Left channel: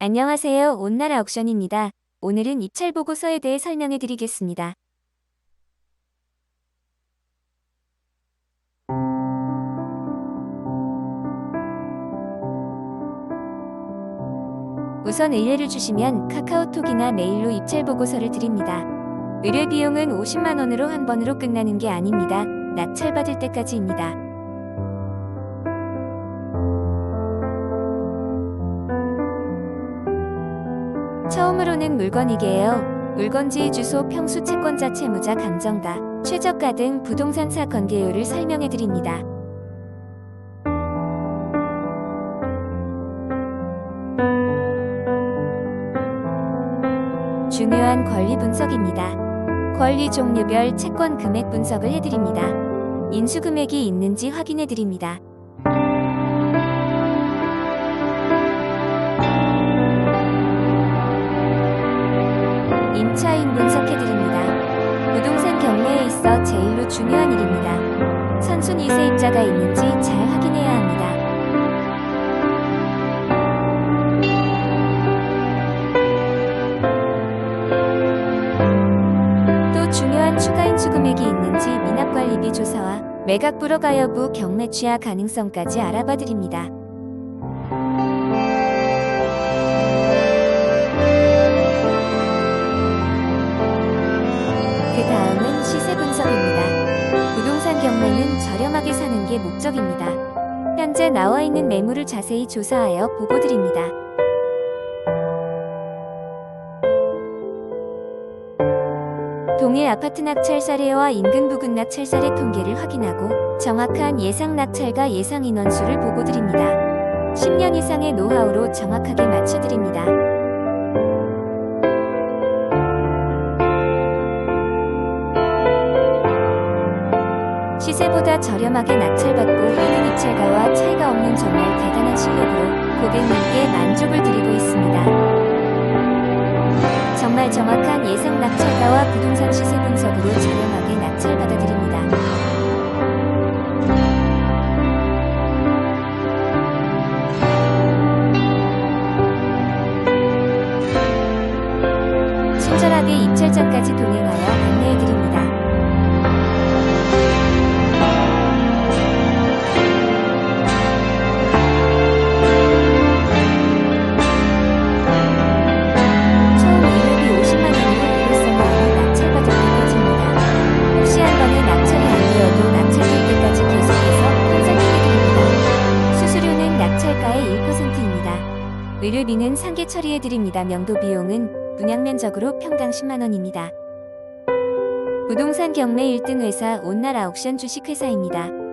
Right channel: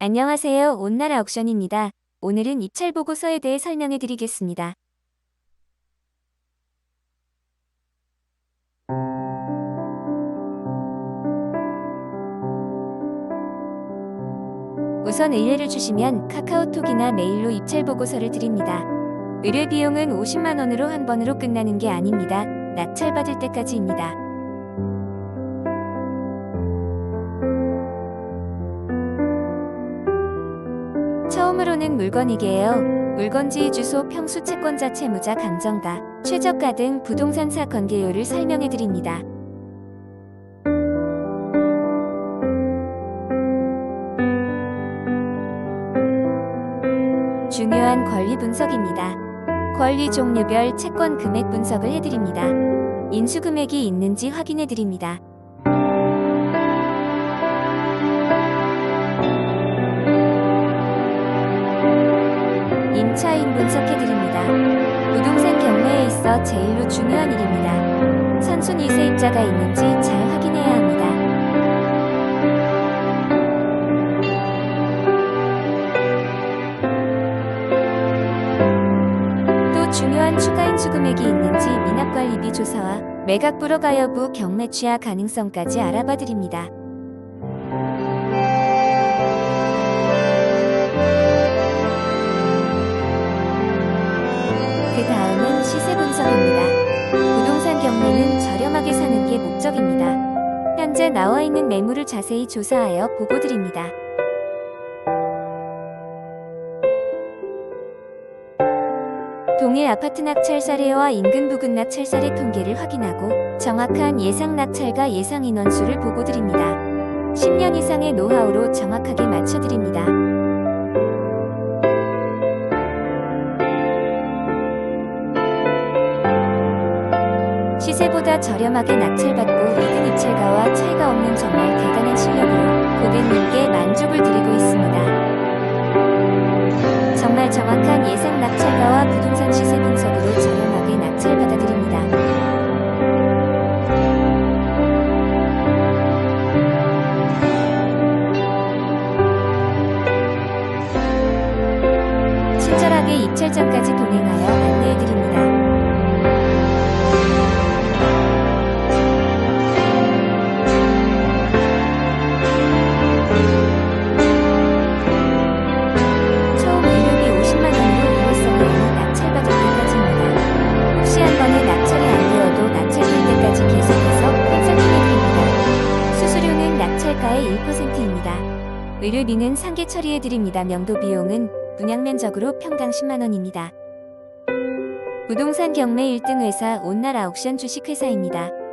안녕하세요. 온나라 옥션입니다. 오늘은 입찰 보고서에 대해 설명해 드리겠습니다. 우선 의뢰를 주시면 카카오톡이나 메일로 입찰 보고서를 드립니다. 의뢰 비용은 50만 원으로 한 번으로 끝나는 게 아닙니다. 낙찰 받을 때까지입니다. 처음으로는 물건이게요. 물건지 주소, 평수, 채권자, 채무자, 감정가, 최저가 등 부동산사 건개요를 설명해 드립니다. 중요한 권리 분석입니다. 권리 종류별 채권 금액 분석을 해드립니다. 인수 금액이 있는지 확인해 드립니다. 임차인 분석해 드립니다. 부동산 경매에 있어 제일로 중요한 일입니다. 선순위 세입자가 있는지 잘 확인해야 합니다. 또 중요한 추가 인수 금액이 있는지 미납관리비 조사와 매각 불허가 여부 경매 취하 가능성까지 알아봐 드립니다. 그 다음은 시세 분석입니다. 부동산 경매는 저렴하게 사는 게 목적입니다. 현재 나와 있는 매물을 자세히 조사하여 보고 드립니다. 동일 아파트 낙찰 사례와 인근 부근 낙찰 사례 통계를 확인하고 정확한 예상 낙찰과 예상 인원수를 보고 드립니다. 10년 이상의 노하우로 정확하게 맞춰 드립니다. 시세보다 저렴하게 낙찰받고 이른 입찰가와 차이가 없는 정말 대단한 실력으로 고객님께 만족을 드리고 있습니다. 정말 정확한 예상 낙찰가와 부동산 시세 분석으로 저렴하게 낙찰받아 드립니다. 친절하게 입찰장까지 동행하여 안내해 드립니다. 낙찰가의 1%입니다. 의료비는 상계 처리해드립니다. 명도 비용은 분양면적으로 평당 10만 원입니다. 부동산 경매 1등 회사 온날 아옥션 주식회사입니다.